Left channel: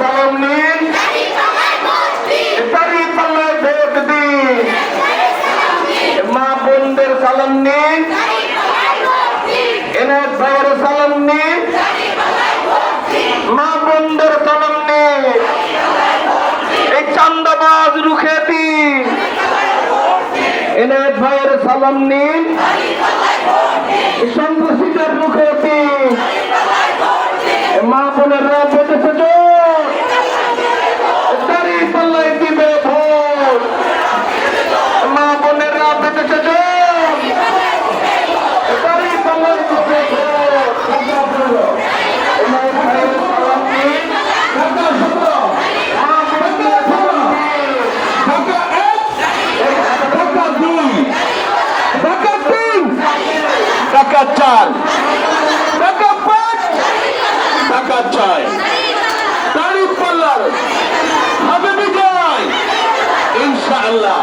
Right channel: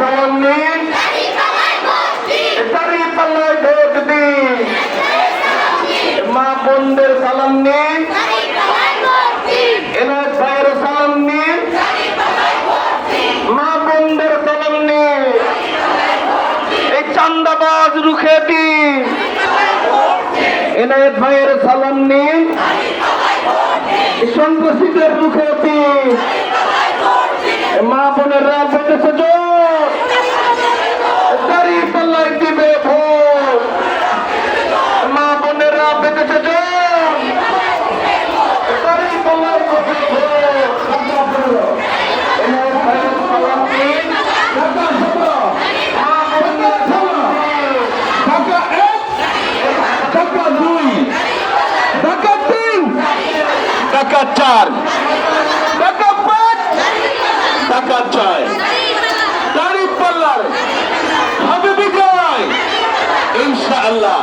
সালাম নিন, দাড়ি পাল্লায় ভোট দিন। মা বোনদের সালাম নিন, এনায়েত ভাইয়ের সালাম নিন, মা বোনদের সালাম নিন। এই চান্দাবাজ রুখে দিন, এনায়েত ভাইয়ের সালাম নিন, সন্ত্রাসীদের রুখে দিন। মা বোনেরা বেঁধেছে জোর, দাঁড়িয়ে তলায় দিবে ভোট। মা বোনেরা বেঁধেছে জোর, দাঁড়িয়ে তলায় দিবে ভোট। এনায়েত ভাইয়ের সালাম নিন, ঢাকা 17, মা বোনদের সালাম, ঢাকা 1, ঢাকা 2, ঢাকা 3, ঢাকা 4, ঢাকা 5, ঢাকা 6। দাঁড়িপাল্লার হবে বিজয় ইনশাআল্লাহ।